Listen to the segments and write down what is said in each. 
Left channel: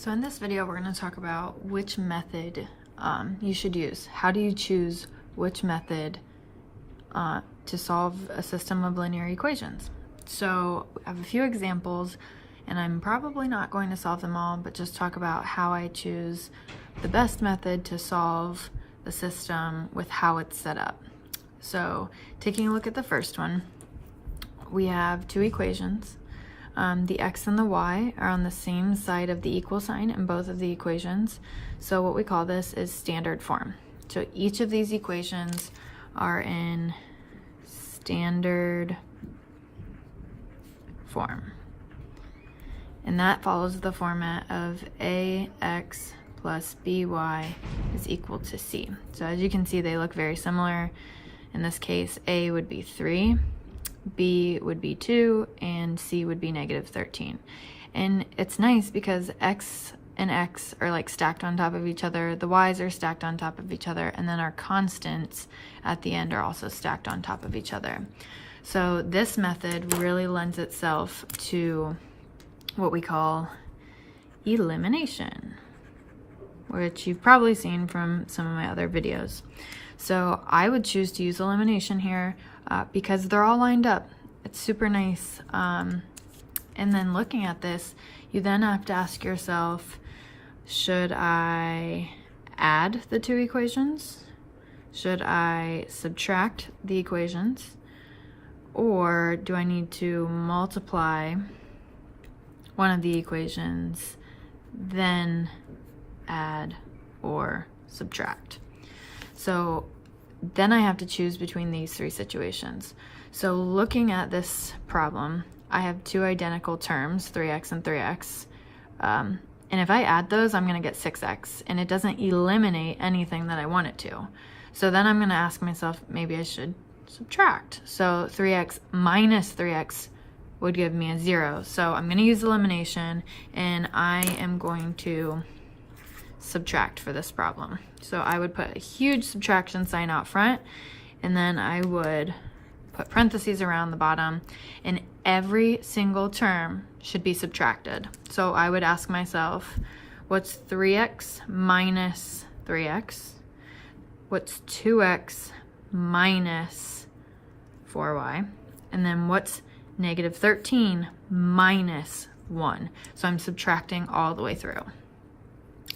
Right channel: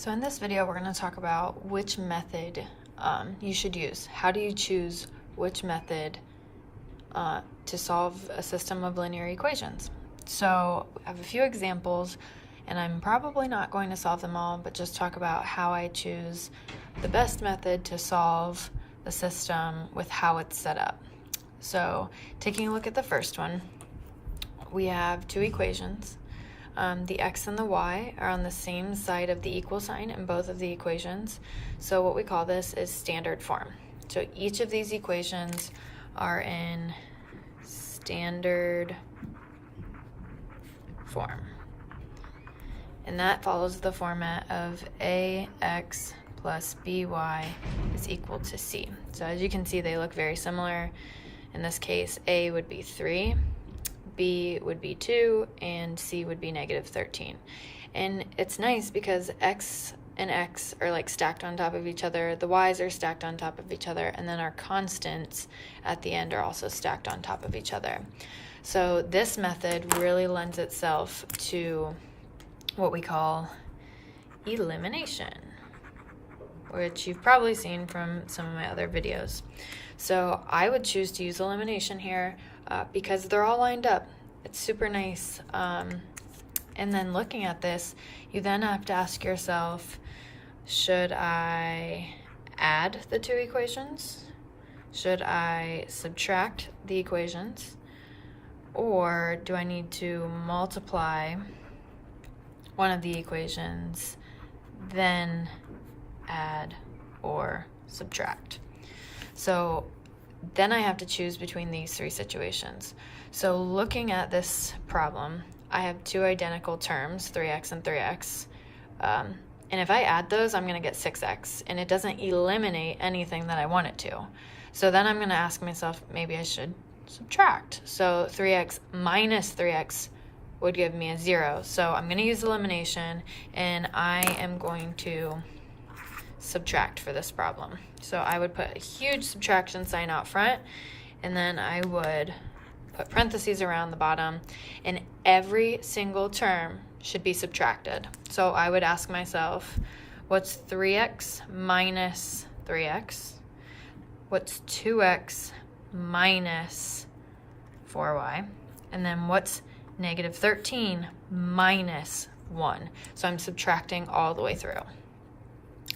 So in this video, we're going to talk about which method you should use. How do you choose which method to solve a system of linear equations? So I have a few examples, and I'm probably not going to solve them all, but just talk about how I choose the best method to solve the system with how it's set up. So taking a look at the first one, we have two equations. The x and the y are on the same side of the equal sign in both of the equations. So what we call this is standard form. So each of these equations are in standard form. And that follows the format of ax plus by is equal to c. So as you can see, they look very similar. In this case, a would be 3. B would be 2, and C would be negative 13. And it's nice because X and X are like stacked on top of each other, the Y's are stacked on top of each other, and then our constants at the end are also stacked on top of each other. So this method really lends itself to what we call elimination, which you've probably seen from some of my other videos. So I would choose to use elimination here because they're all lined up. It's super nice. And then looking at this, you then have to ask yourself, should I add the two equations? Should I subtract the equations? Or do I need to multiply one of the equations, then add or subtract? So then I have to choose between these three situations. So looking at this problem, I have two identical terms, 3x and 3x. And if I add those, I'm going to get 6x, and it doesn't eliminate anything that I want it to. So then I'm going to ask myself, maybe I should subtract. So 3x minus 3x would give me a 0. So I'm going to use elimination, and I am going to subtract for this problem. So I would put a huge subtraction sign out front, and then I would put parentheses around the bottom, and every single term should be subtracted. So I would ask myself, what's 3x minus 3x? What's 2x minus 4y? And then what's negative 13 minus 1? So I'm subtracting all the way through.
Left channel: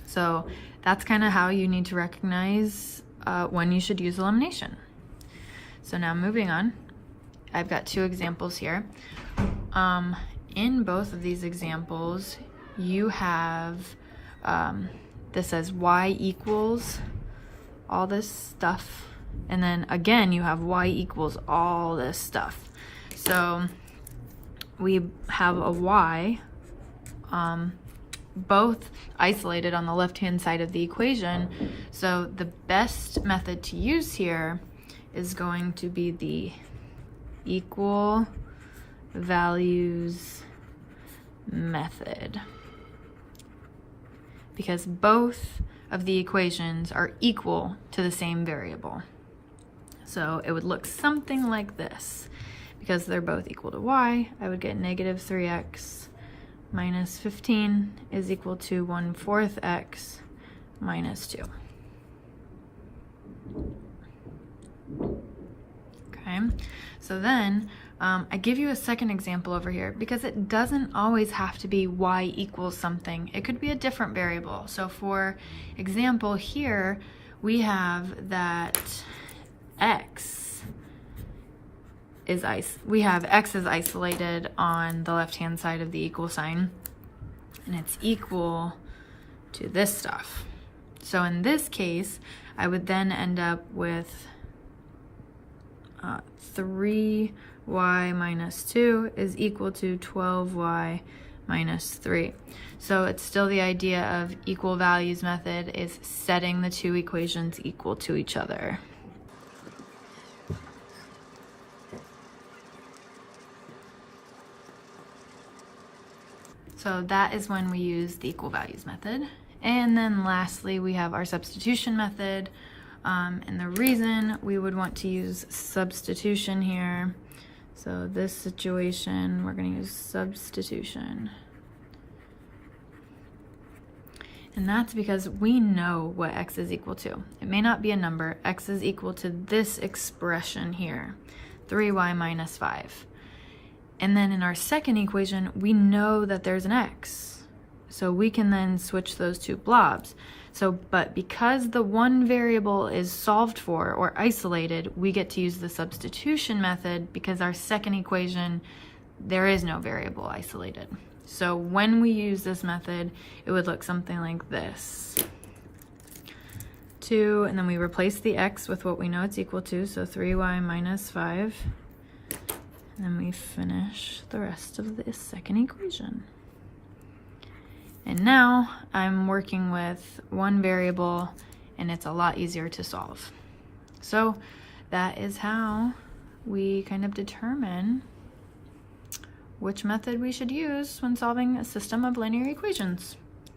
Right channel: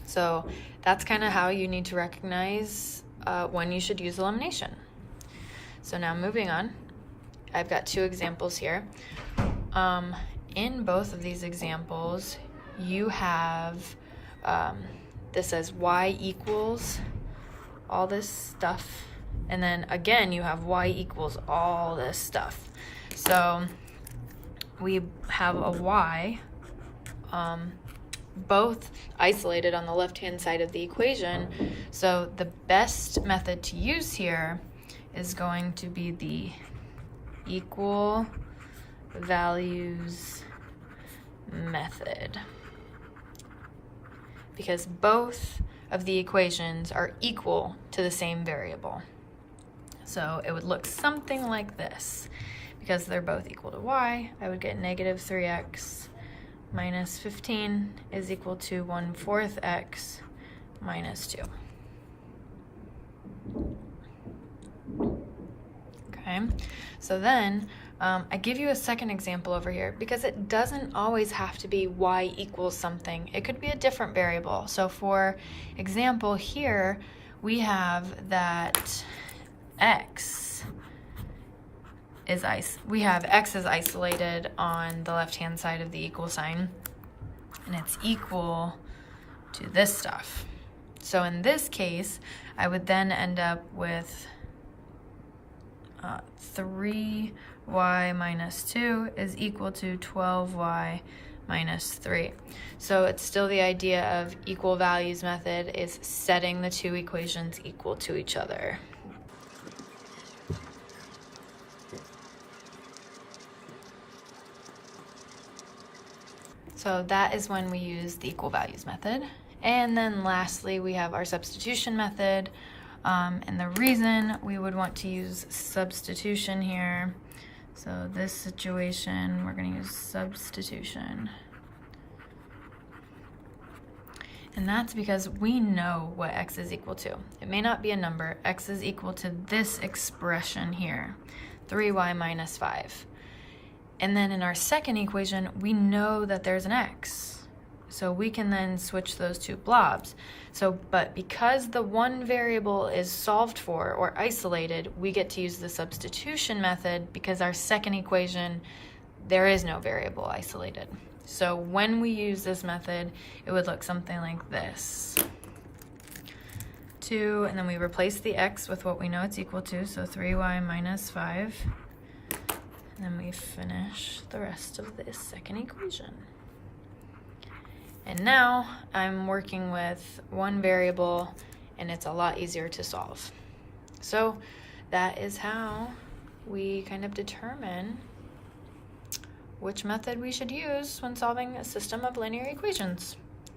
So that's kind of how you need to recognize when you should use elimination. So now moving on, I've got two examples here. In both of these examples, you have, this says y equals all this stuff. And then again, you have y equals all this stuff. So we have a y, both isolated on the left-hand side of the equation. So the best method to use here is going to be the equal values method, because both of the equations are equal to the same variable. So it would look something like this. Because they're both equal to y, I would get negative 3x minus 15 is equal to 1/4 x minus 2. Okay, so then I give you a second example over here because it doesn't always have to be y equals something. It could be a different variable. So for example here, we have that x is x is isolated on the left-hand side of the equal sign, and it's equal to this stuff. So in this case, I would then end up with 3y minus 2 is equal to 12y minus 3. So it's still the idea of equal values method is setting the two equations equal to each other. So that is when we use the equal values method. And then lastly, we have our substitution method. And the reason we would want to use substitution here, so this situation, we're going to use substitution. And that's because we know what x is equal to. It may not be a number. X is equal to this expression here, 3y minus 5. And then in our second equation, we know that there's an x. So we can then switch those two blobs. But because the one variable is solved for or isolated, we get to use the substitution method because our second equation, there is no variable isolated. So when we use this method, it would look something like this. 2, and then we replace the x with what we know it's equal to, so 3y minus 5. And then we finish the rest of this second equation. And now I'm working with one variable, and it's a lot easier to solve. So that is how we kind of determine which method we should use when solving a system of linear equations.